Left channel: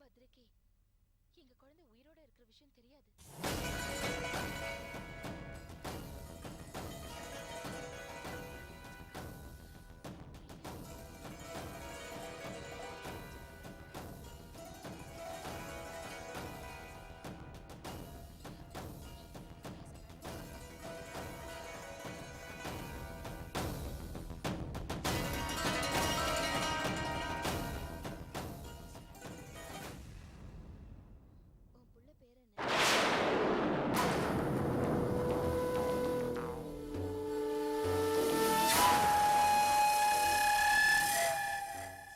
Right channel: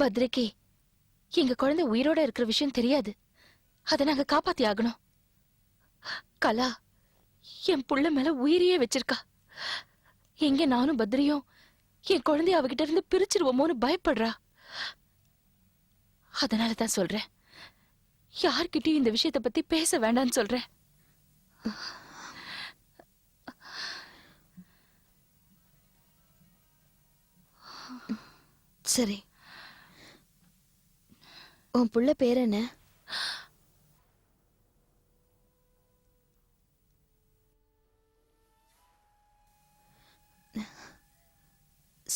பத்ரிக்கு எங்க குழந்தை உயிரோட இருக்கிற விஷயம் தெரியாது. அதை நாங்க காப்பாத்தி ஆகணும். கலா என் புள்ள மேல உயிரையே வச்சிருக்கா. எங்க நானும் பத்ரியும் என் குழந்தைய அவகிட்ட இருந்து பிரிச்சிருவோமோன்னு பயப்படுறா. அதனாலதான் சொல்றேன், யார்கிட்டயும் இந்த விஷயத்தை பத்தி பேச வேண்டாம்னு சொல்றேன். சரி, உன் புள்ள பேர் என்ன?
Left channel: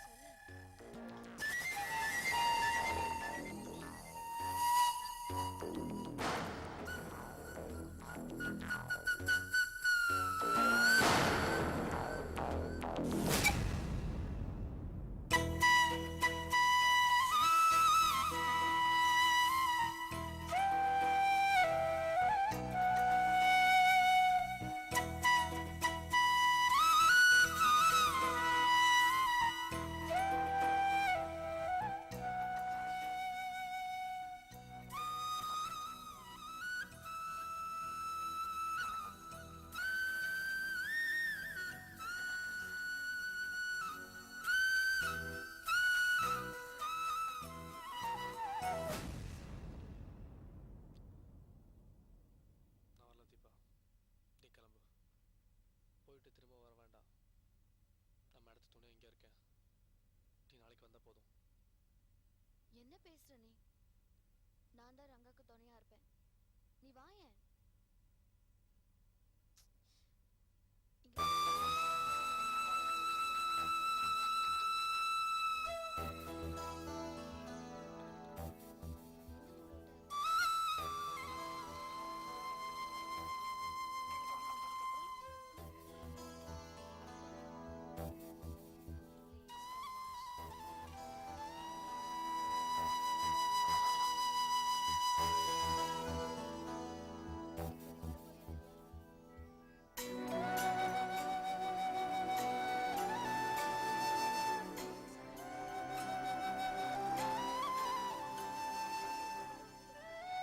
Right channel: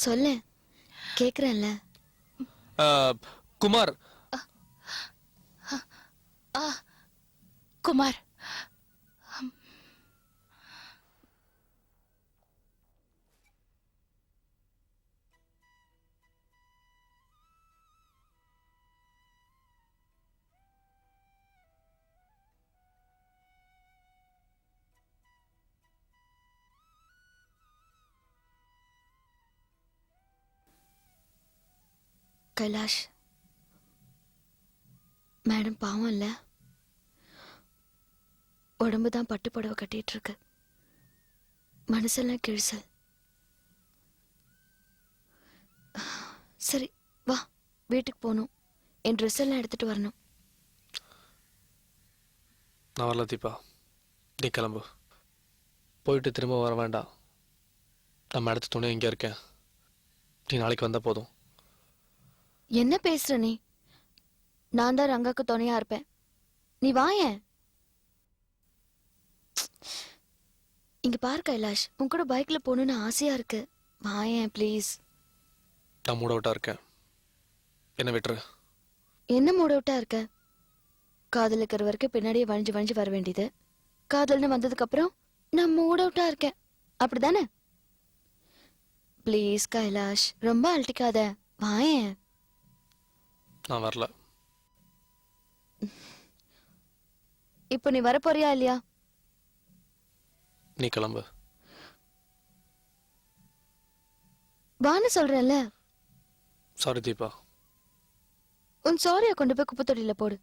சொல்ல கேக்குறேன்ல. குமார். குமார். கைலாஷ், மேடம் பாவம் இல்ல, உடம்புதான் பட்டு புடவை கட்டிட்டு இருக்கு, மனசெல்லாம் கிழிசு. சரி வா, வீட்டுக்கு போகணும். என் ட்ரெஸ் எல்லாம் எடுத்துட்டு வரணும். நான் வரல தீபா, நீ கிளம்பு. போயிட்டு திரும்ப வர வேண்டாம். நம்ம அடுத்த துணை இங்கே இருக்கேன். நீ நாளைக்கு வந்தா போதும். என்ன பேசுற நீ? நான் தான் ரங்காக்கு துணையா இருப்பேன். நீ வாயேன். இங்க பாரு கைலாஷ், உன் கூட பைக்ல போகணும்னு ஆசையா இருக்கு. வாயேன் ப்ளீஸ். நான் மூட் அவுட்டா இருக்கேன், என்ன விட்டுரு. என்ன மூட் அவுட்டா இருக்க? காதல் இருக்கிற வரைக்கும் பின்னாடியே வழிஞ்சு வழிஞ்சு வர வேண்டியது. காதல்னு வந்ததுக்கு அப்புறம் நான் மூட் அவுட்டா இருக்கேன், அப்படிதானே? ப்ளீஸ் கைலாஷ், ரொம்ப அழட்டிக்காத, வாயேன். நான் வரல. இப்போ நீ வர போறியா இல்லையா? நீ கிளம்பு. வான்னு சொல்றேன்ல. சாரி தீபா. உன் சாரியை கொண்டு போய் குப்பை தொட்டியில போடு.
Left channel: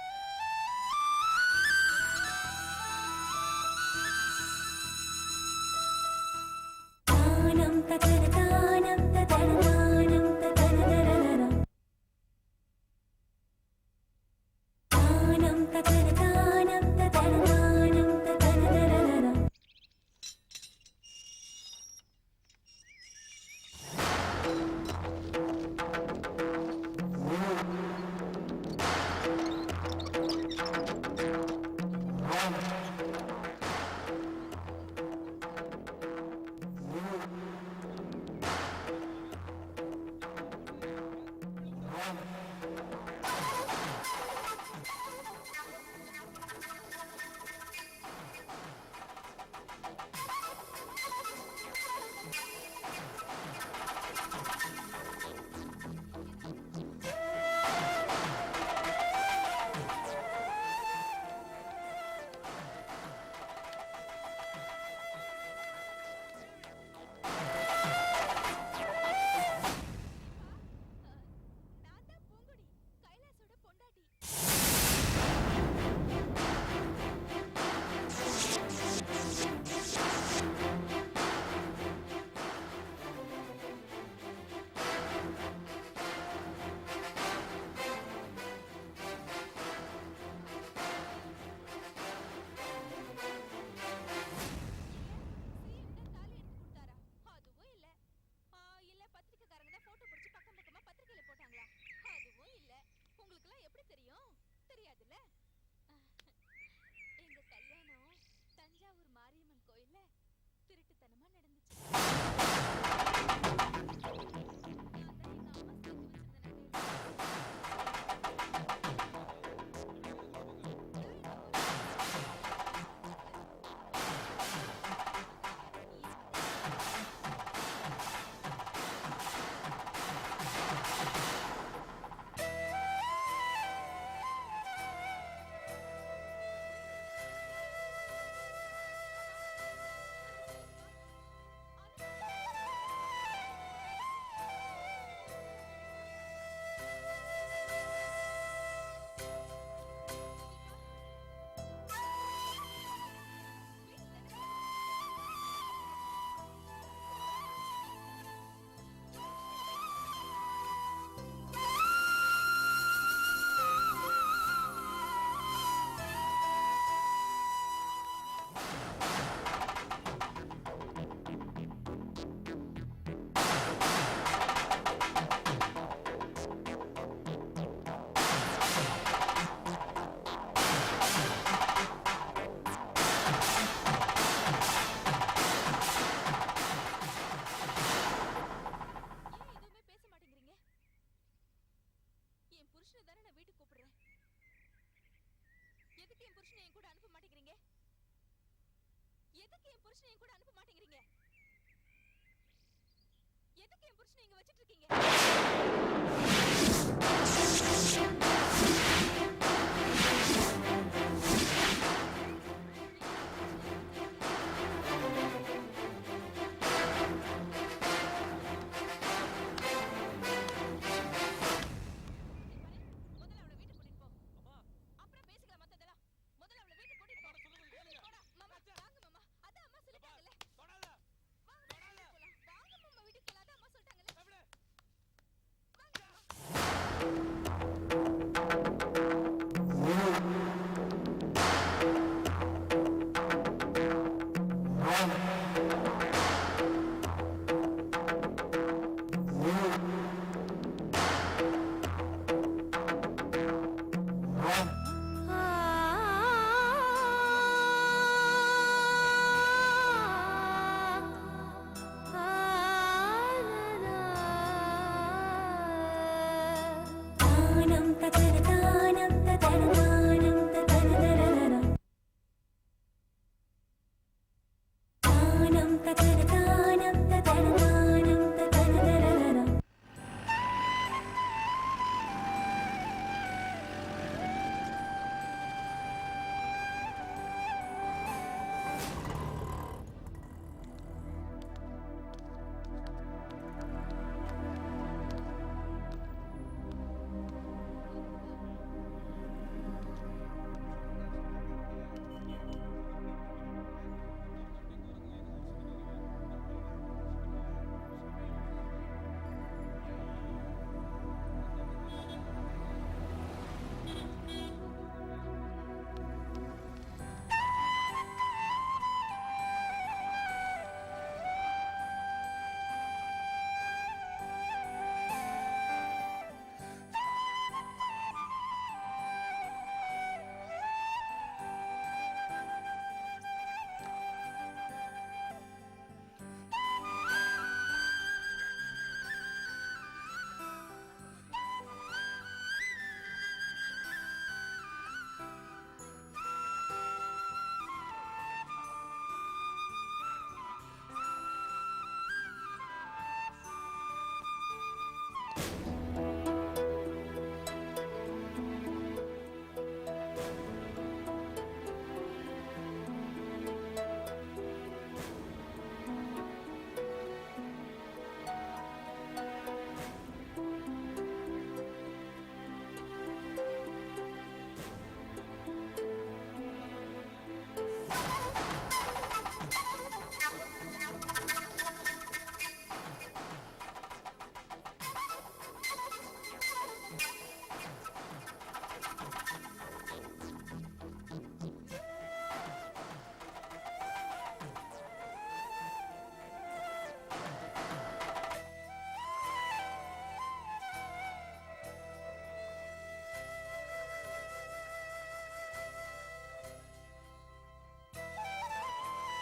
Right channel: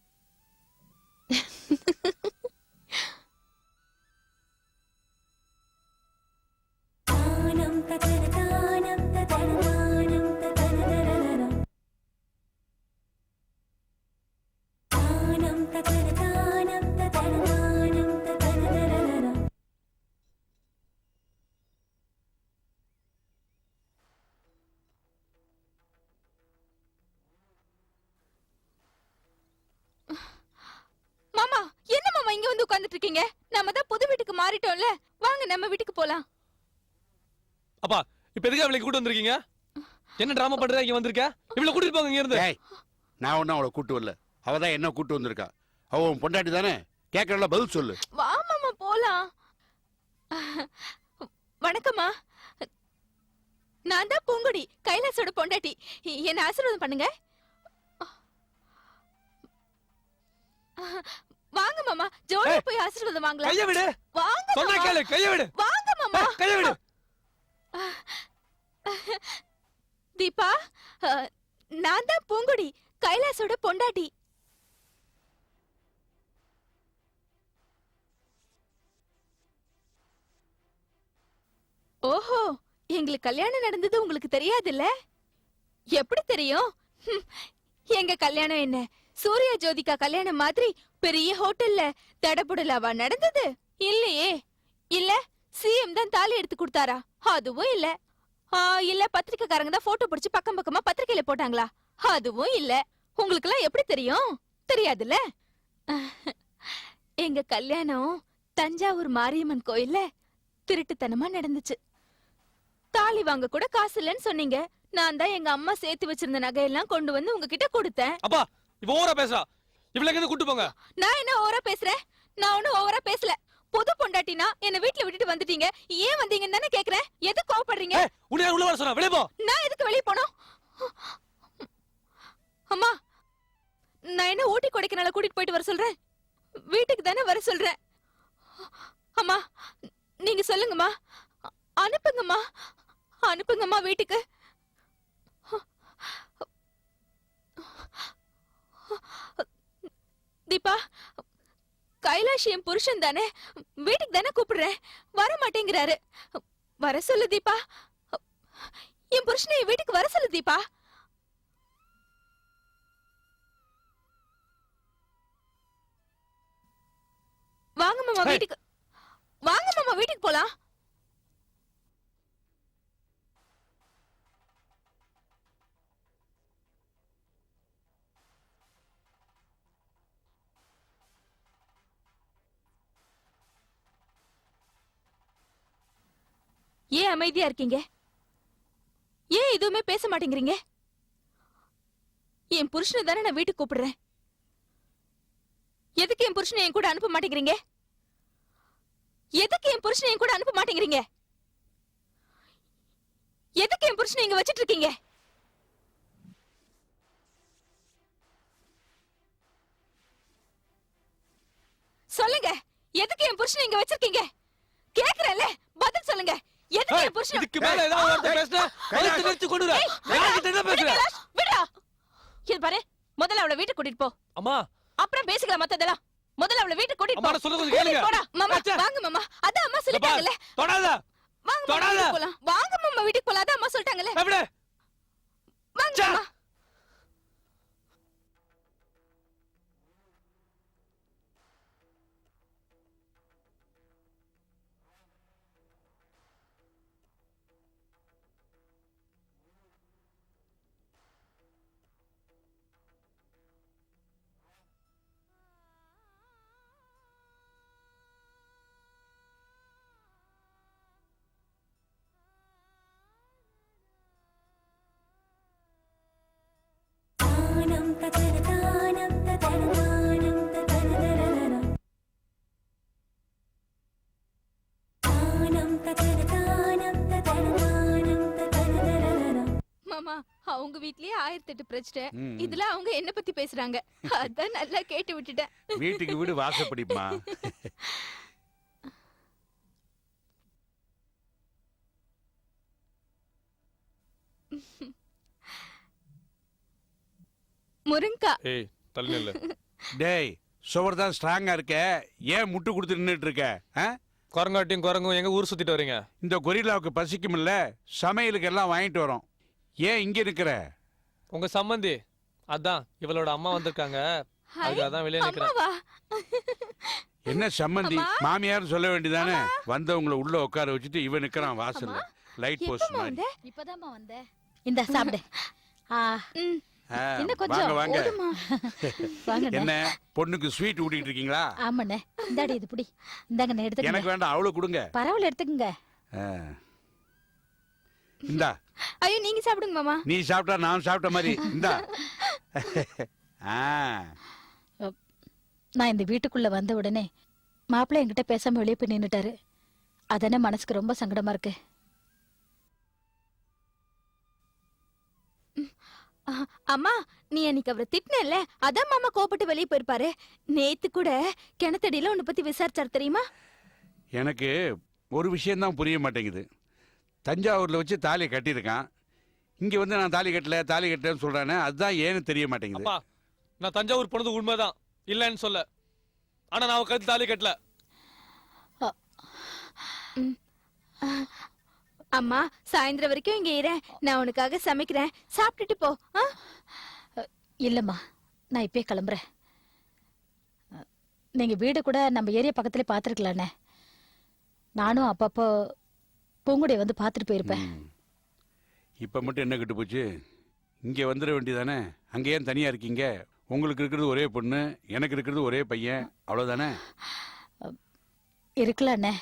மாமா, என்ன மாமா இங்க வந்து உட்கார்ந்துட்டு இருக்கீங்க? நாம தான் புது வீட்டுக்கு மாறிட்டோம்ல, வாங்க நம்ம வீட்டுக்கு போலாம். அப்பா, இப்ப எதுக்கு அவளை கூட்டி வந்திருக்கீங்க? என்ன டிராமா பண்ற? இங்க வந்திருக்க, இவளை கூட்டிட்டு போங்க இங்க இருந்து. நான் ஒன்னும் அவளை கூட்டு வரல, அவ தான் என்ன கூட்டு வந்திருக்கா. அவ உன் பொண்டாட்டி தானே, கேட்கறல பதில் சொல்லு. வா மாமா போலாம். வணக்கம்மா, நான் தான் பூங்குடி, கைலாசோட பொண்டாட்டி. என்ன ஆசீர்வாதம் பண்ணுங்க. வாங்க மாமா, ஜோடியா போய் ஆசீர்வாதம் வாங்கலாம். கைய விடு. வாங்க சொன்னா கேளு, கைய விடு. வாங்க மாமா. கைய விடு. தீபா, நான் தான் பூங்குடி, கைலாசோட பொண்டாட்டி. ஓஹோ, எங்களுக்கு கல்யாணம் நடந்தது உங்களுக்கு தெரியாதுல்ல? எப்படி தெரியும்? எங்க கல்யாணம் என்ன சூர்யா ஜோதிகா கல்யாணம் மாதிரி பெரிய ஹோட்டல்ல தடபுடலாவா நடந்தது? இல்லையே. இல்ல சிஎம் தான் தாலி எடுத்து கொடுத்தாரா? அதுவும் இல்ல. இல்ல பத்திரிக்கைக்காரங்க தான் போட்டோ பிடிச்சு பக்கம் பக்கமா பத்திரிக்கையில போட்டாங்களா? அதுவும் இல்ல. உங்களுக்கு எல்லாம் எப்படி தெரியும்? தெரியாதுல்ல. எங்க கல்யாணம் தஞ்சாவூர் மாரியம்மன் கோயில்ல திருட்டுத்தனமா நடந்துச்சு. தாலி வாங்க கூட காசு இல்லன்னு சொன்னீங்க. நான் தான் எங்க அம்மா சேர்த்து வச்சிருந்த நகையெல்லாம் கொண்டு வந்து உங்ககிட்ட கொடுத்தேன். அப்பா, இப்போ ஓவரா பேசுறா. இவளை எங்க கூட்டி போங்க. நான் என்ன ஓவரா பேசுறேன்? நான் ஒன்னும் ஓவரா பேசல. புது பொண்டாட்டினா என்ன வீட்ல விட்டுட்டு வந்துட்டீங்க. ஏன் வந்தீங்கன்னு தானே கேக்குறேன். எதுக்கு கோவப்படுறீங்க? உன்னை உள்ள வர சொன்னா வெளிய போ. நான் எதுக்கு வெளிய போணும்? அம்மா, நான் என்ன ஊட்டி கொடைக்கானல கூட்டிட்டு போயிட்டு வர சொல்றேன்? வீட்டுக்கு தானே வர சொல்றேன். அம்மா நீங்க சொல்லுங்கம்மா, அனுப்புங்கம்மா, அனுப்புங்கம்மா வீட்டுக்கு. தீபா, கைலாஷ் என் புருஷன் தானே, வீட்டுக்கு தானே கூப்பிடுறேன், வர மாட்டேங்கிறாரு. வர சொல்லு தீபா, என் புருஷனை என் வீட்டுக்கு வர சொல்லு தீபா. வாங்க மாமா வீட்டுக்கு, வாங்க மாமா வீட்டுக்கு போலாம். ஏன் அமைதியா இருக்கீங்க? ஏன் எதுவுமே பேச மாட்டேங்கிறீங்க? என் புருஷனை தானே நான் வீட்டுக்கு கூப்பிடுறேன். எதுக்கு என் புருஷனை என் கூட அனுப்ப மாட்டேங்கிறீங்க? எதுக்கு என் புருஷனை என் கூட அனுப்ப மாட்டேங்கிறீங்க? எதுக்கு என் புருஷனை இங்க வச்சிட்டு இருக்கீங்க? சொல்லுங்க, எதுக்கு என் புருஷனை இங்க வச்சிருக்கீங்க? கேக்குறேன்ல, பதில் சொல்லுங்க. எதுக்கு என் புருஷனை இதுக்கு மேல ஏதாவது வார்த்தை பேசினா கழுத்து நிறுத்தி கொண்டுற. யார்கிட்ட என்ன பேசுற? விடா. இது பாரு, முதல்ல அவளை வீட்டுக்கு கூட்டிட்டு போ. அம்மா, அப்புறம் பேசிக்கலாம் மத்ததெல்லாம். முதல்ல அவளை வீட்டுக்கு கூட்டிட்டு அம்மா போ. நான் சொல்றது கொஞ்சம் கேளுங்க. போடா மாமா, அச்சா. வாங்க மாமா. அதான் அம்மா சொல்லிட்டாங்கல. தொடாத. வாங்க மாமா, தொடாத. வீட்டுக்கு போலாம். வாங்க மாமா வீட்டுக்கு போலாம். அதான் அம்மா சொல்லிட்டாங்கல. எப்படி? வாங்க அச்சா. மாமா. மாமா, அவங்க வீட்லயே 1008 பிரச்சனை. இதுல அவங்க என்ன பத்தி பேசுறாங்க. அதான் நல்லா கேட்டு விட்டுட்டேன். வீட்டுக்கு வீடு வாசப்படிமா. முருங்கா. ஏய், தள்ளி நில்லு. டேய், சுவர் தான் ஸ்ட்ராங்கா இருக்க, ஏன் முட்டு கொடுத்து நின்னுட்டு இருக்க? ஆ? குரங்காட்டியும் குரங்கும் எங்க ஊர் சுத்திட்டு வரீங்க? இந்த கொரில்லாவுக்கு பசிக்கும்ல, சமையலுக்கு எல்லாம் வாங்கிட்டு வரோம். ஏன் இங்க இருக்கிற? உங்க சம்பந்தி அதான் இவளோட அம்மா வந்திருக்காங்க. அதுக்காக தான் வெளியே நிக்கிறேன். அம்மாவா? என்ன சம்மந்தி, மாமியார் சொல்ல வேண்டியதானே? வந்தவங்கள உள்ள உட்கார வச்சுட்டு இவன் நிக்கிறான் வாசல்ல, லைட் போஸ்ட் எப்பமா மாதிரி. வந்த? இப்பதாம்மா வந்தேன். இந்தா சாப்பிடு. ம். ஆ, இன்னும் கொஞ்சம். வாங்க வாங்க. போதுமா? வாங்கண்ணே. என்ன பொண்ணுக்கு ஸ்வீட் ஊட்டிட்டு இருக்கீங்களா? ஆமாண்ணே. இந்தாடி இது புடி. இந்தாங்கண்ணே எடுத்துக்கங்க. எனக்கு வேண்டாம், அவளை கொடுங்க. பரவாயில்ல எடுத்துக்கங்க. ஆ. இந்தா, ஐயோ, நீங்க சாப்பிடுங்க மாமா. நீ சாப்பிட்டா நான் சாப்பிட்ட மாதிரி. இந்தா. ஆ, நான் இந்த வீட்டுக்குள்ள வந்த உடனே மாப்பிள்ளை என்கிட்ட பேசாம வெளியே போய் நின்னுட்டாரு. அதானே மனசுக்கு ரொம்ப சங்கடமா இருக்கு. அம்மா, நீ அன்னைக்கு அவரை திட்டினல்ல, அதான் மாமா கோபப்பட்டு வெளியே போயிருப்பாரு. நேத்து கூட கிணத்தடியில உன்னை பத்தி விசாரிச்சாரு தெரியுமா? எனக்கு ஒரு விஷயம் தான் புரிய மாட்டேங்குது. தஞ்சாவூர்ல வச்சு தாலி கட்டியிருக்கான், இங்க வந்து நான் தாலி கட்டலன்னு சொல்றானே, அதுதான் ஏன்னு தெரிய மாட்டேங்குது. அப்பா, நான் தஞ்சாவூர் போனது உண்மைதான், இல்லன்னு சொல்ல. ஆனா நான் அவ கழுத்து தாலி கட்டல. அம்மா, சாயந்தரம் வரைக்கும் இங்க இரு, நான் உனக்காக சமைக்கிறேன், சாப்பிட்டுட்டு போ. ஆ? இல்லம்மா, நான் இப்பயே கிளம்புறேன். நீங்க வீடு கூட நம்ம ஏரியா பக்கத்துல பாத்துருக்கலாண்ணே. நானும் அப்பப்போ பூங்குடியை வந்து பார்த்துட்டு போயிருப்பேன். இப்ப மட்டும் என்ன கிட்டு போச்சு? இங்க வந்துட வேண்டியதானே? அங்க ஏன் தனியா இருக்கீங்க? உங்களுக்கு இருக்கிறது ஒரே பொண்ணு, எனக்கு இருக்கிறது ஒரே பையன், அவ்வளவுதானே? இருக்கலாண்ணே.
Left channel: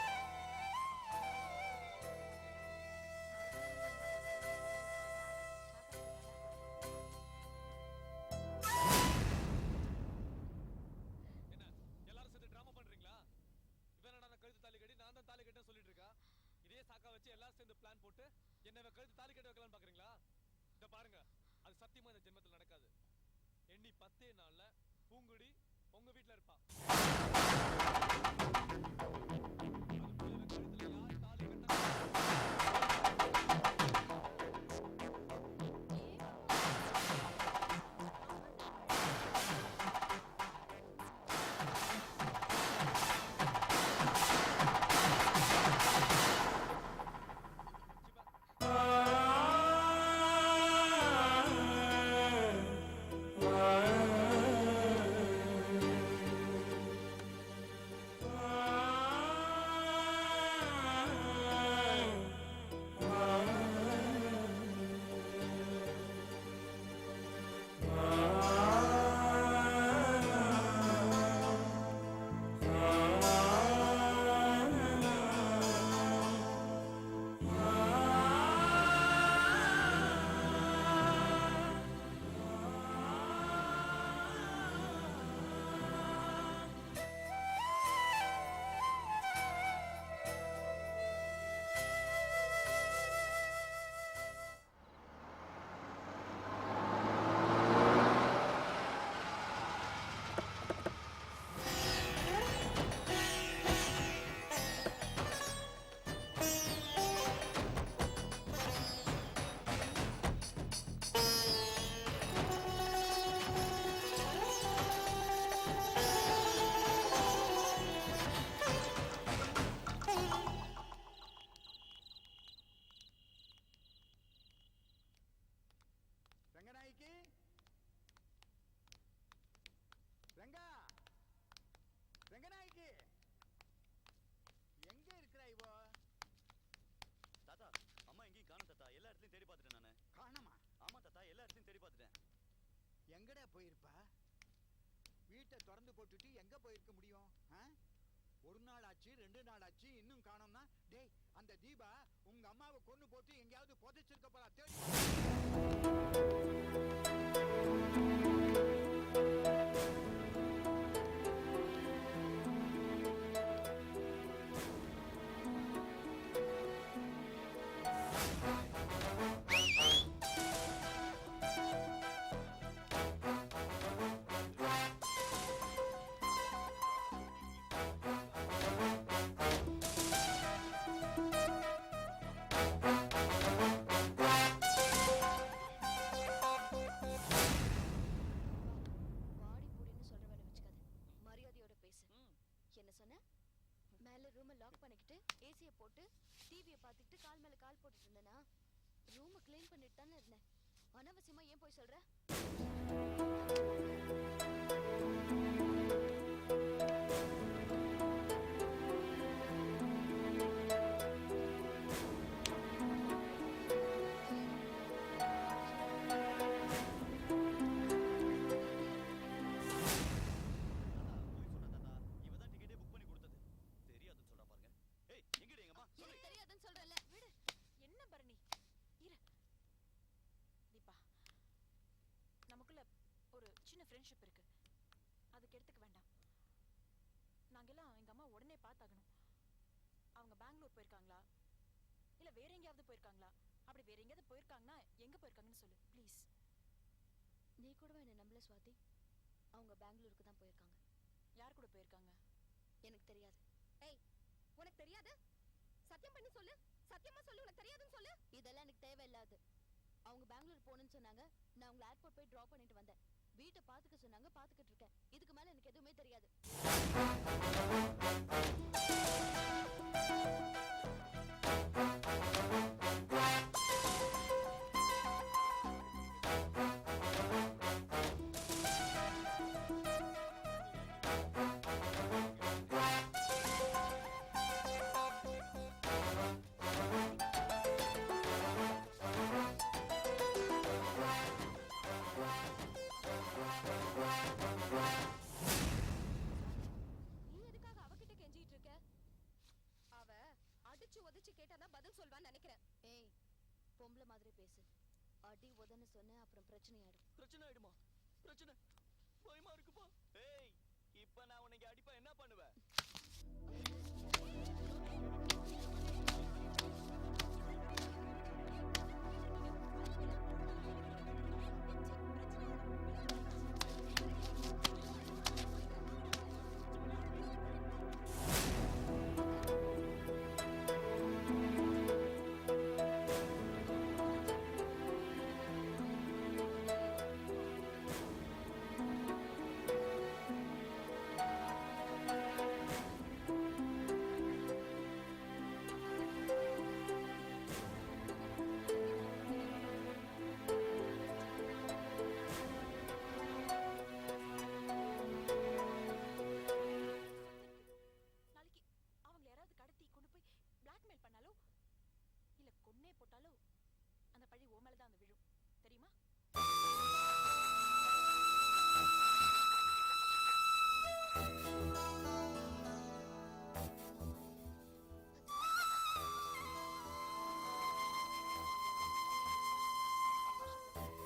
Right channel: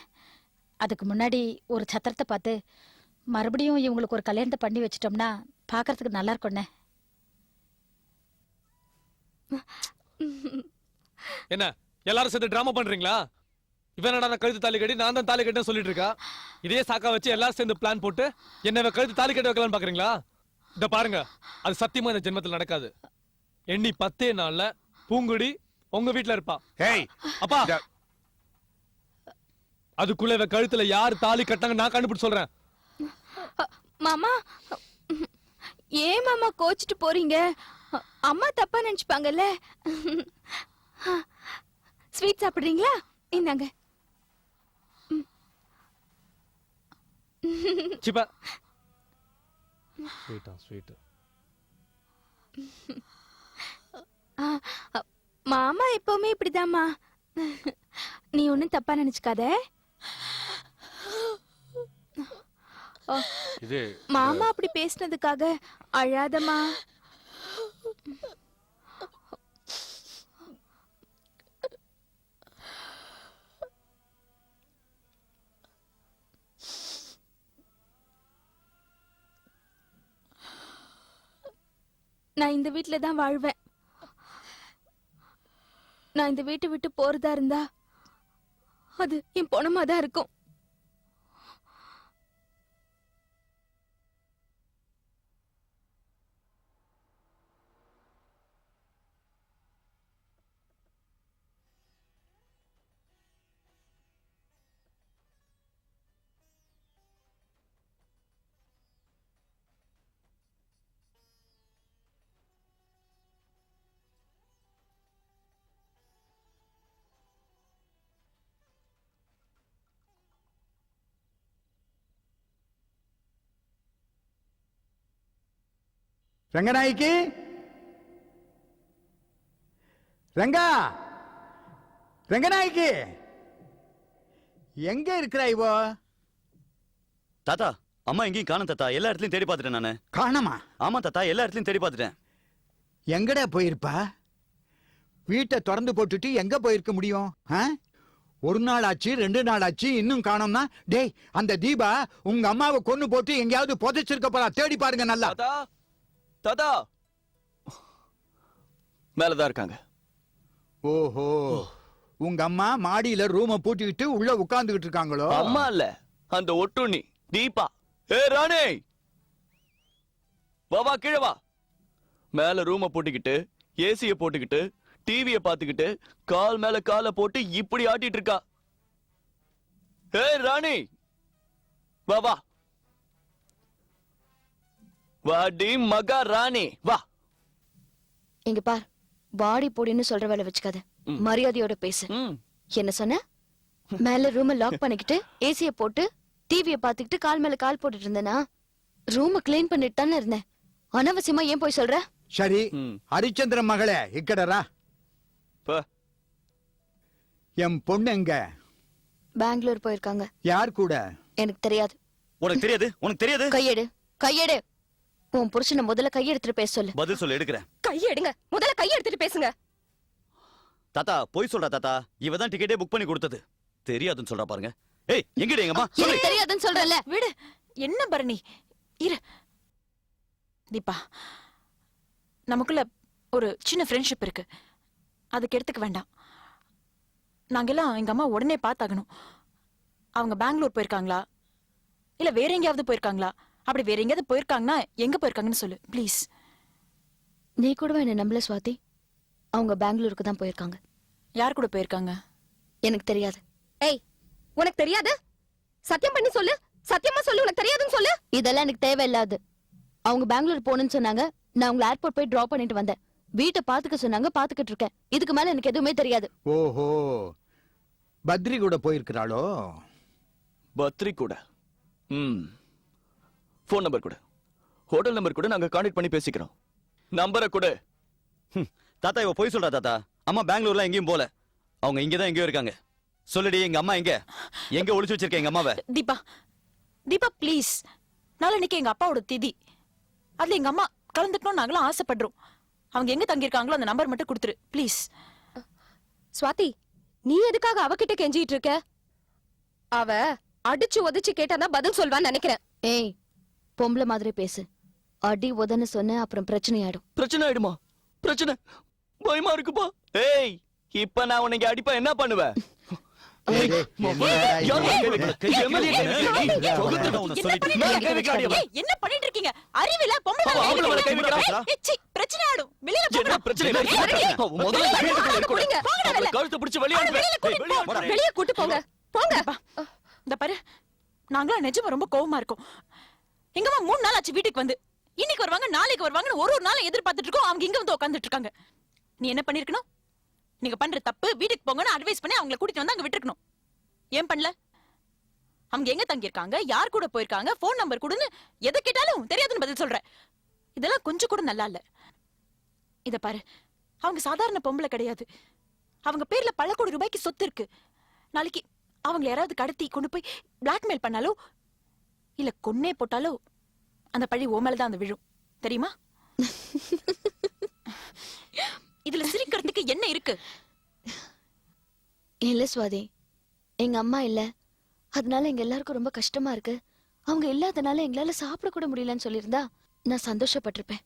அதுக்கு முன்னாடி ஒரு சத்திரத்தை பார்த்து மறுபடியும் இவங்களுக்கு ஒரு கல்யாணத்தை பண்ணி வச்சிட்டோம்னா பார்க்கறதுக்கு நல்லா இருக்கும்ண்ணே. என்ன எல்லாரும் சேர்ந்து டிராமா பண்றீங்களா? இவன் என்னடா நான் கழுத்து தாலி கட்டி நான் தான் தாலி கட்டேன்னு சொல்லிட்டு இருக்கா. இதே சாக்கா வச்சு எல்லாரும் சேர்ந்து பிளான் போட்டு என்ன இவன் கழுத்து தாலி கட்ட வைக்கலாம்னு பாக்குறீங்களா? இத பாருங்க, அது சத்தியமா இந்த ஜென்மத்தில் நடக்காது. எண்ணி 10 நாள்ல பூங்குடி உங்க வீட்டுல இருப்பா. ஏய், அப்பா, அதுக்குள்ள இவ கழுத்துல யார் தாலி கட்டாங்க நான் கண்டுபிடிச்சு சொல்றேன். மாமா, ஏன் மாமா கோச்சிட்டு போறீங்க? அம்மா தப்பா நினைச்சுப்பாங்கல்ல. ஸ்வீட் சாப்பிடுறீங்களா? இந்தாங்க. சிப்பா மாமா எப்பவுமே இப்படிதாம்மா. நீ ஒண்ணும் தப்பா நினைச்சுக்காத. இது மாமா அப்படி பேசினதுக்காக அழாதம்மா. நான் இந்த வீட்ல தான் வாழ்வேன். நான் இந்த வீட்டை விட்டு போறதா இருந்தா அது என் பொணமா தான் இருக்கும். ரங்கநாயகி, ரங்கா, ரங்கநாயகி, எங்க இருக்கிறாய் இவோ? தாத்தா, அம்மா எங்கேயும் காணோம் தாத்தா. எல்லா இடத்துலயும் தேடி பார்த்துட்டேன் நானு. காணமா? ஆமா தாத்தா, எல்லா இடத்துலயும் தேடி பார்த்துட்டேன். எங்கடா போயிருப்பா? வீட்டை திறந்து போட்டுட்டு எங்க போயிருக்க முடியும்? ஒரு நாள் ஆச்சு, 2 நாள் ஆச்சு, இன்னும் காணோம்னா? டேய், அந்த தீபா உங்க அம்மாவை கொன்னு போட்டு எங்கேயாவது புதைச்சிருக்க போறா. தேடி பாருங்க நல்லா. தாத்தா, தாத்தா, மேலதான் இருக்காங்க. ஓஹோ, உங்க அம்மா மாடியில ரூம பூட்டிக்கிட்டு உள்ள உட்கார்ந்துகிட்டு இருக்காங்களோ? அம்மா இல்ல, அந்த ஒட்டுண்ணி தீபா. ஏ ராணி, வா கீழே வா. மேல ரூம போட்டுக்கிட்டு, ஏசிய போட்டுக்கிட்டு, டிவிய பாத்துக்கிட்டு, கால் மேல கால போட்டு இப்படி ஆட்டிட்டு இருக்கா. ஏ ராணி, வா வா. வாடி மகா ராணி, வா. இங்க பார், பாடி போடின்னு சொல்ற வேலை வச்சுக்காத. மரியாதையோட பேசு. என்ன சொன்ன? மேல ரூம லாக் பண்ணிக்கிட்டு ஏசிய போட்டு டிவிய பாத்துக்கிட்டு கால் மேல கால் போட்டுட்டு இருந்தேனா? ரூம கிளீன் பண்ணிட்டு தானே இருந்தேன். அனாவசியமா ஏன் போய் சொல்ற? சரி, ஹரிச்சந்திர மகளே, இக்கடரா. என் பொண்ணு எங்க? பெங்களூர் போயிருக்காங்க. யார் கூட? எனக்கு தெரியாது. உனக்கு தெரியாது? உனக்கு தெரியாது? கையெடு, கையெடு. உன் புருஷனை முதல்ல கையெடுத்துட்டு பேச சொல்லு. பதில் சொல்ல எடுக்கிறேன். கையெடுங்க, முதல்ல கையெடுத்துட்டு பேசுங்க. தாத்தா, போய் சொல்றா தாத்தா. இவ தான் டிக்கெட்டே புக் பண்ணி கொடுத்தது. தெரியாதுன்னு சொல்றா பாருங்க. ஏய், எங்கடி எங்க அம்மா? எனக்கு தெரியாதுன்னு சொல்றல. விடு. என்ன பரணி, இரு. தீபா, நமக்குள்ள ஒரு சின்ன ஃப்ரெண்ட்ஷிப் இருக்கு. அதுக்கு எடுத்துக்க வேண்டாம். நாங்கெல்லாம் எங்க அம்மா உடனே பார்த்தாகணும். அவங்க பெங்களூர் போயிருக்காங்களா, இல்ல வேற எங்கேயாவது போயிருக்காங்களா? அப்படி வேற எங்கேயாவது போயிருக்காங்கன்னா எங்க போயிருக்காங்கன்னு சொல்லு ப்ளீஸ். நீ கூடவா என்ன நம்பல சுவாதி? அவங்க பெங்களூருக்கு தான் போயிருக்காங்க. யார் கூட போயிருக்காங்க? எனக்கு தெரியாது. ஏய், உனக்கு தெரியாது? சத்தியம் பண்ணி சொல்லு. சத்தியமா சொல்லு, உனக்கு தெரியாதுன்னு சொல்லு. இதெல்லாம் எனக்கு தேவையில்லாது. அவங்க பெங்களூர் போகணும்னு சொன்னாங்க. நான் உங்களை ஏர்போர்ட் போய் டிராப் பண்ணிட்டு வந்தேன். வீட்டை பாத்துக்க சொன்னாங்க, பாத்துக்கிட்டு இருக்கேன். இதுக்கு மேல எனக்கு எதுவுமே தெரியாது. ஓஹோ, பத்ரி கூட போயிருக்கிறாளோ? பத்ரி கூட? போன் நம்பர் கூட, ஹோட்டல் நம்பர் கூட நாங்க கான்டாக்ட் பண்ணி பேசிக்கிறோம். நம்பரை கூட. தாத்தா, இவ போய் சொல்றா தாத்தா. அம்மா பெங்களூர்ல எங்கேயும் போல. அவங்க இங்கதான் எங்கேயோ இருக்காங்க. சொல்லுடி, எங்க அம்மா எங்க? எங்க ஒளிச்சு வச்சிருக்க எங்க அம்மாவை? தீபா, தீபா ப்ளீஸ். நாளைக்கு எங்க அப்பாவோட திதி. அதுல எங்க அம்மா கலந்துக்கணும் நாங்களும் ஆசைப்படுறோம். அவங்க எங்க தங்கியிருக்காங்களோ அந்த நம்பர் மட்டும் கொடுத்துரு ப்ளீஸ். ஸ்வாதி, நீ எதுக்காக அவகிட்ட கெஞ்சிட்டு இருக்க? அவ அடிச்சு உதைச்சு கேட்டாதான் பதில் சொல்வான்னு நினைக்கிறேன். ஏய், பொம்பளை மாதிரி பேசு. அடி உதன்னு சொன்ன அப்புறம் பிரச்சனை ஆயிடும். பிரச்சனை ஆயிடுமா? பிரச்சனை? பயமா இருக்குப்பா. ஏய், இப்ப நான் உனக்கு அடிப்பா என்ன பண்ணுவேன்? என்ன பண்ணிட்டு இருக்கீங்க? அறிவில பொம்பளை பிரச்சனை ஆடும். வெளியில கழுத்து பிடிச்சு வெளியே கூட்டு போங்க. போங்க. இந்த பாரு, நாங்களா நிஜமா ரொம்ப கோவமா இருக்கோம். எங்கம்மா 3 நாள் ஆச்சு வீட்டுக்கு வந்து. இன்னைக்கு வருவாங்க, நாளைக்கு வருவாங்கன்னு ஒரு நாள் எதிர்பார்த்துட்டு இருக்கோம். அவங்க இங்க வந்து உட்கார்ந்துட்டு இருக்காங்க. நீ என்ன பண்ணிருக்கணும்? நீங்க பண்ற தப்பு, வீட்டுக்கு போங்கன்னு அட்வைஸ் பண்ணி அவங்கள கூட்டிட்டு வந்து அங்க விட்டுருக்கணும். ஏன் பண்ணல? அவங்க எங்க தங்கி இருக்காங்க, யார் கூட போயிருக்காங்க, போன் நம்பர் கொடுன்னு எதை கேட்டாலும் தெரியாதுன்னு பதில் சொல்றேன். இதெல்லாம் கொஞ்சம் கூட நல்லா இல்ல. இத பாரு, அவங்க சாதாரண பொம்பளை கிடையாது. அவங்க பேர்ல பல கோடி ரூபாய்க்கு சொத்து இருக்கு. நாளைக்கு அவங்க யாராவது கடத்தி கொண்டு போய் பிளாக்மெயில் பண்ணாலோ இல்ல கொன்னே போட்டாலோ அந்த பழி ஓ மேலதான் அந்த விழும். தெரியுமா? இதுல சிரிக்கிறதுக்கு என்ன இருக்கு? இல்ல சுவாதி, எங்க அம்மா இல்ல, அதனால எங்க எல்லாருக்கும் ரொம்ப கஷ்டமா இருக்கு. அவங்க இல்லாதனால எங்களால சாப்பிட கூட முடியலன்னு சொல்லியிருந்தா நான் சந்தோஷப்பட்டிருப்பேன்.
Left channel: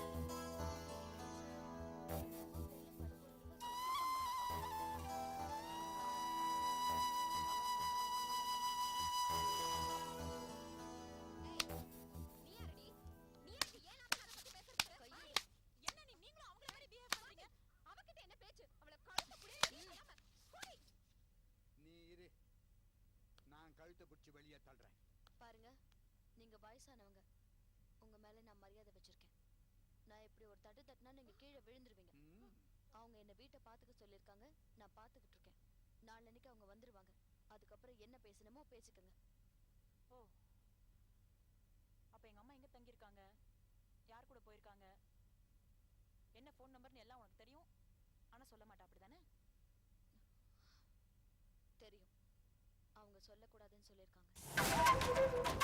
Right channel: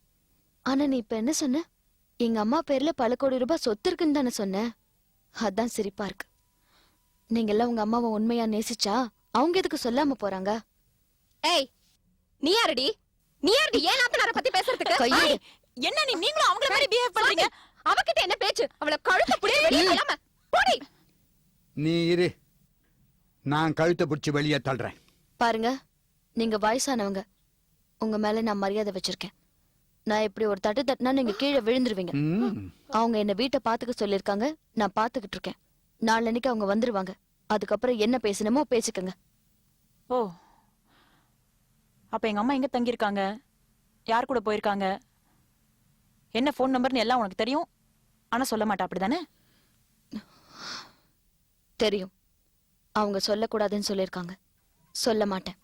ஆனா நீ இப்ப என்ன சொன்ன? எங்க அம்மா பேர்ல பல கோடி ரூபாய் சொத்து இருக்குன்னு தானே சொன்ன. அதான் சிரிப்பா இருக்கு. நீங்க எல்லாம் உங்க அம்மாவை உண்மையா நேசிச்சா அவங்க எதுக்கு சொல்லாம போறாங்க? ஏய், நீ யாரடி? நீ யாரடி ஏன் நாத்தனார பத்தி பேசுறதுக்கு? கையெடு. என்ன நீங்களும் அவங்கள மாதிரி பிஹேவ் பண்றீங்க? அவகிட்ட என்ன பேச்சு? அவள கழுத்தை புடிச்சு வெளியே தள்ளாம போடி. நீ இரு, நான் கழுத்தை பிடிச்சி வெளியே தள்ளுறேன். பாருங்க, நீங்க வயசானவங்க, உங்க மேல நான் மரியாதை வச்சிருக்கேன். நான் இப்படி ஒரு தட்டு தட்டினா நீங்க கீழே விழுந்துருவீங்க. ம். அவங்க என்ன வீட்டை பாத்துக்க சொல்லிருக்காங்க, நான் பாத்துக்கிட்டு இருக்கேன். நாளன்னைக்கு அவங்க வந்துருவாங்க. அதுக்கப்புறம் என்ன பேசணுமோ பேசிக்கங்க. ஓ, அப்ப எங்க அம்மா எங்க தங்கி இருக்காங்க, யார் கூட போயிருக்காங்க, என்ன போன் நம்பர்னு எல்லாம் உனக்கு தெரியும். ஆனா சொல்ல மாட்டா, அப்படிதானே? தெரியும். அவங்க சொல்லக்கூடாதுன்னு சொல்லிருக்காங்க. சொல்ல மாட்டேன்.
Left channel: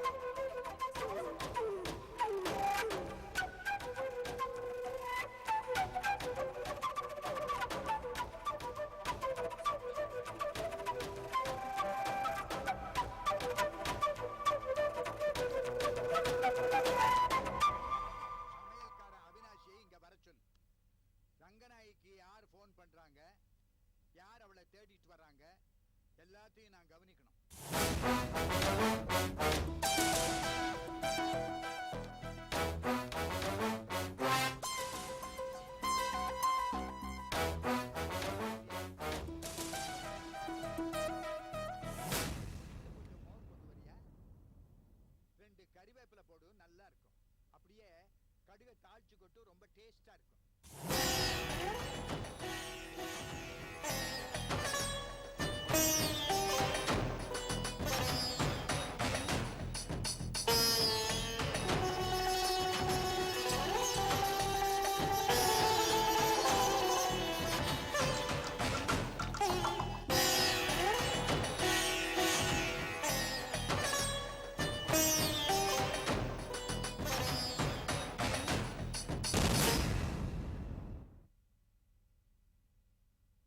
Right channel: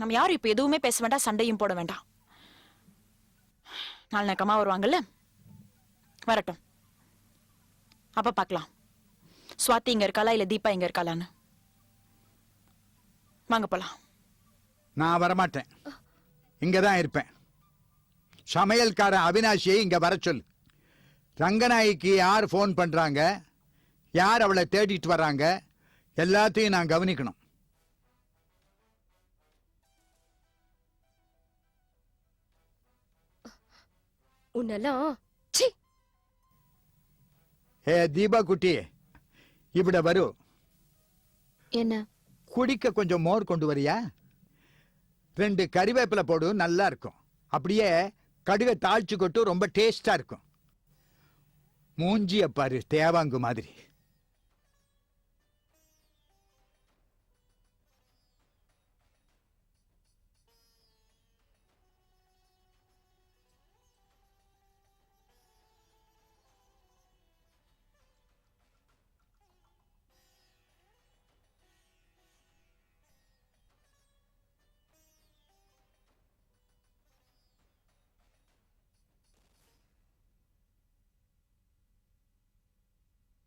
நம்ம யாரும் இப்ப எதுவுமே பேச வேண்டாம், சண்டையும் போட வேண்டாம். நாளைக்கு அம்மா வருவாங்கல்ல, வரட்டும், அப்ப பார்க்கலாம். ஸ்வாதி இங்க இருக்காளா இல்ல தீபா இங்க இருக்காளான்னு. வாங்க போலாம். நான் வரமாட்டேன், இங்கதான் இருப்பேன். சமையல்காரன் அவினாஷியை இங்க வர சொல்லு. ரங்கநாய்க்கு யார் போன் பண்றாங்க, யார் அவளை தேடிட்டு வர்றாங்க, எல்லாத்தையும் நான் கவனிக்கணும். உன்னெல்லாம் ஏ தீபா குட்டி, இப்பட வரு. என்ன? குடிக்க கொஞ்சம் மோர் கொண்டு வரியா? 2 கறிவேப்பிலை போடு, நல்லா இருக்கும். அப்படியே கடுகை தாளிச்சு கொட்டு, ரொம்ப டேஸ்டா இருக்கும். மூஞ்சிய பாரு, தேவாங்கு மாதிரி.